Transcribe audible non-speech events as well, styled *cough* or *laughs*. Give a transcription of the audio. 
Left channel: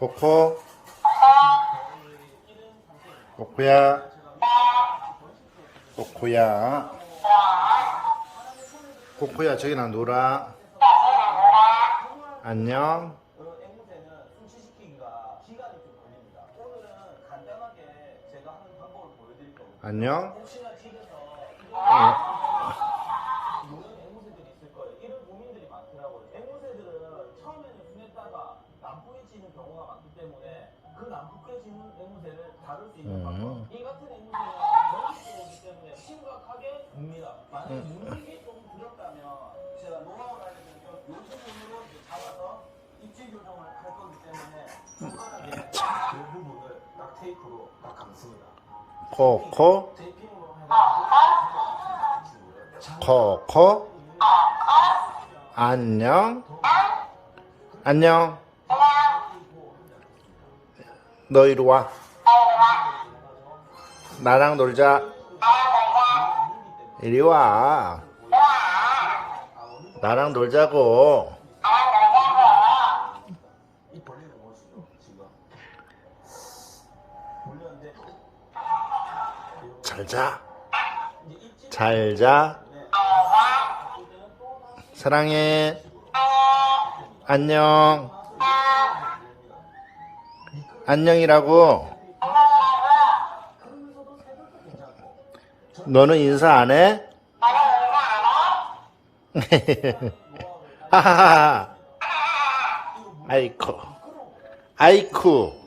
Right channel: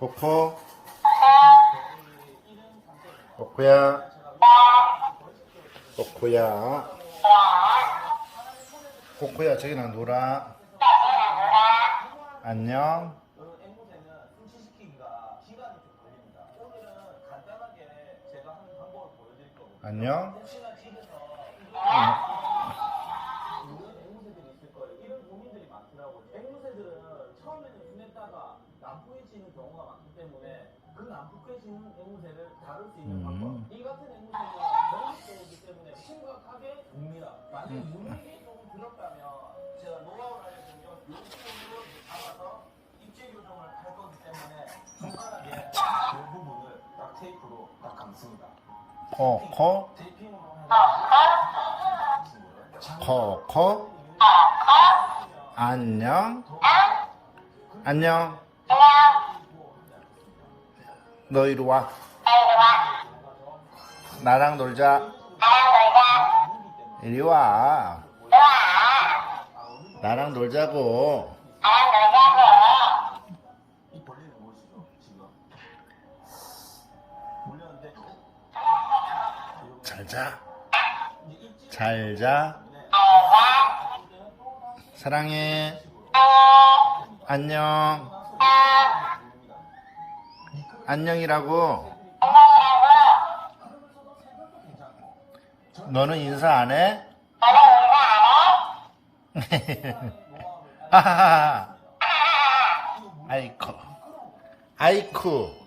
코코. 코코야. 코코야. 코코야 저기나 놀아. 안녕. 안녕. 앵 때문에 그 난폭해지는 앵무새를 다룰 수 있는 방법. 이 같은 앵무새는 전기적이기 때문에 심각하게 묵니다. 만약에 묵는 게 조금 두렵다면 제가 알려드리면 이 부분으로 잡아서 입질 교정을 할 거기 때문에 손가락에 그 부분을 딱 테이프로 딱 감습니다. 코코 테이핑으로 코코 안녕? 안녕 너 이리 와. 나랑 놀자. 이리 와. 나랑 놀자고. 이 벌레를 보시죠 지금 물렸는데 잘자. 잘 자. 사랑해. 안녕 안녕이라고. 너는 인사 안 해? 하하하 *laughs* 아이쿠. 아이쿠